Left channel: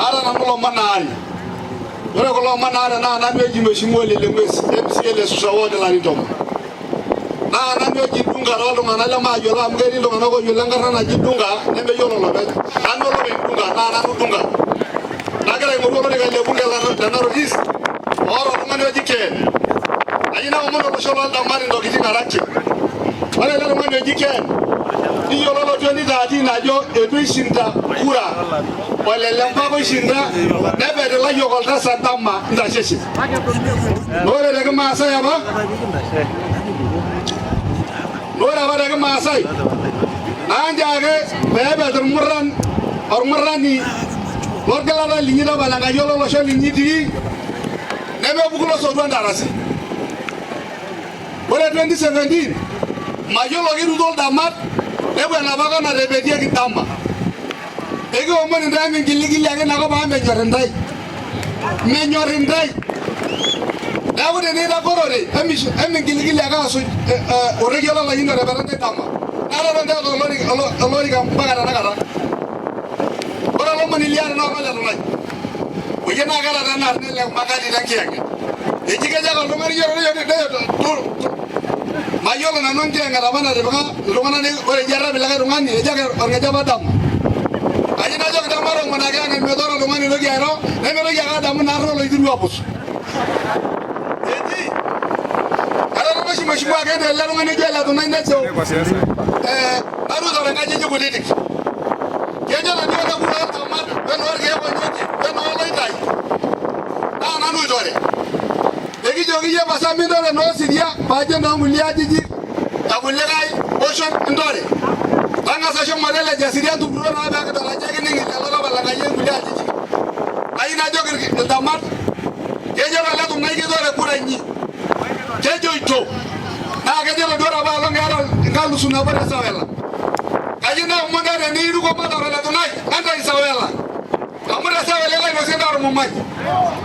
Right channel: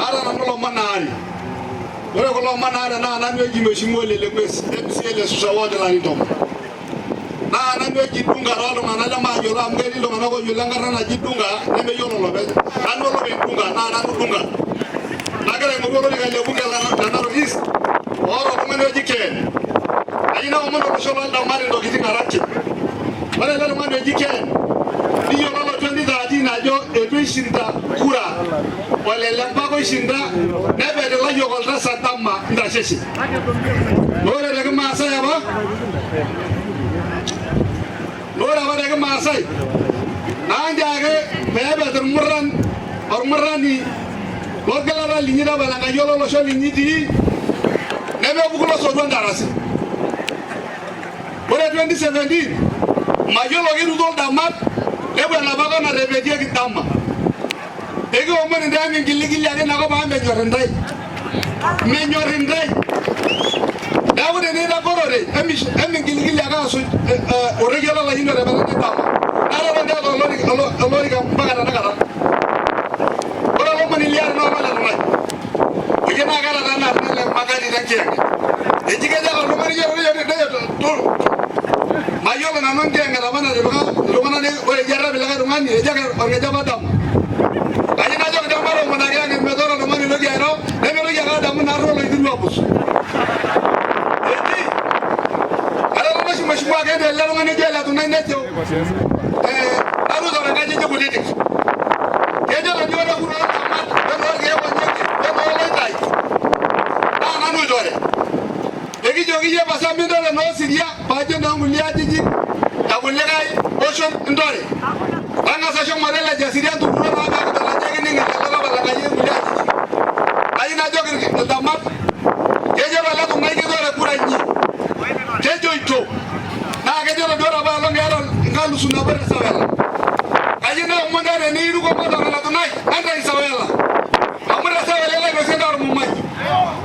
Ara namulo manari. Ore kulo manari na nanu eji mheshimiwa Lelemwesi MCA Susawode Lanitoma. Na nanu eji dunga rolo manala majola mgeni ndo manako yulanga na jidunga nende yolo lobe. Nanu lobe dunga na nanu dunga. Nagale ngolo ni kale bunga la narogis. Oro kumane eji ken. Ayina umono basholo da mali ndo kitinga rachi. Wale lelo mane eji ken. Iyo lolo 2013 ajo edwishinta kura. Wale lembago shinda nebe de la yogolta satama ndashesi. Lore de Maasai aba. Lore aba de Maasai. Nanjage bebe de murran or murrani. Lorgala linyida balanga yolo lo sholi nyidi. Nebe bukulo so darasi. Lore 2017 majolo giru dol damat nebe na baga na rebedia kitamba. Ego omoni ndani giligi age na ko ba menyorindai dawo de da korore emi giligi aga so oregiola la yino rebara de dama nara ronda ko lori kam bagara na kara ora lo mani liar no mala no o jena gala da nar le magadi da kiyang e jiga jaga lo mari yoro de to mayolo na non jenga da bana de lo mana ne o jarra bilaga rungani e jaga orga jaba dam ayina joga da maro managa ne medoro no mani lo giaro ne lo jaga dam narro lo idu wapus edi ala lo mashi mashi wa gade la ngane jela to nane cho aru do ga je ko didi kejo la dio da ku tamat da no ge wonje da no lo dai na nu dore egi jogi je pasami do no siria pa je no mulia jiji ta kulegai ocean ndore banga sa shong madela jasiria tu bro na ga ta je ni ngala bala ga je mulia jiji ayina jogi tamat kejo la ko ngai ge dore kuranyi kejo ito na kejo la dora ba lo ngalo ngalu suna ba sawela ayina umandare ni ru ko ba la tunai anda isawela amara sawela la no senda ru mumai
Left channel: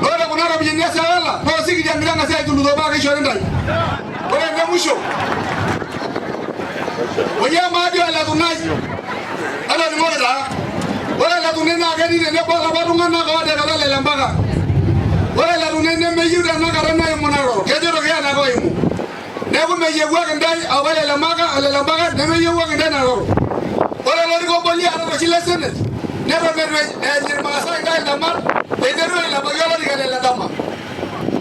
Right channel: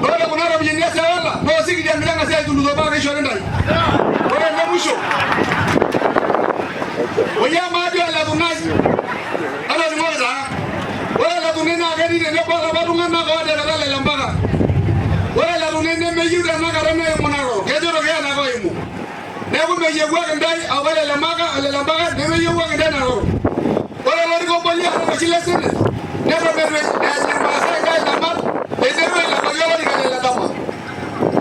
dole munara binya sawela no sigi dia ndanga sai tulu do ba ke shore ndai dole ngamusho oya madi ala tunai ala ni moja wala la tunena gari ne ba la barunga na ko de la le lambaga wala la tunene me yuda na garana yo monaro kejo ro ya na ko imu ne bu me yewa ndai awale la maga ala lambaga ne me yewa ndai na ro wala lo ko boli ala ko silesene ne ro me ni masa ngai na mat de de la magalo ni kale la dama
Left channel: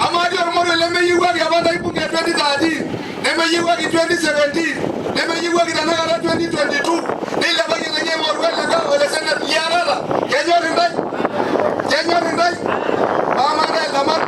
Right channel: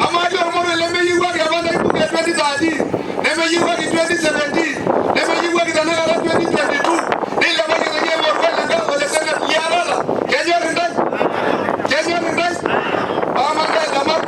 amadi mo le me yewa ya banda ibu ke 2013 ne me yewa ki 2017 ne me yewa ki na gara 2022 ni la ba ki ye mo wala ga wala sene yara la kejo ndai Amanda Lamar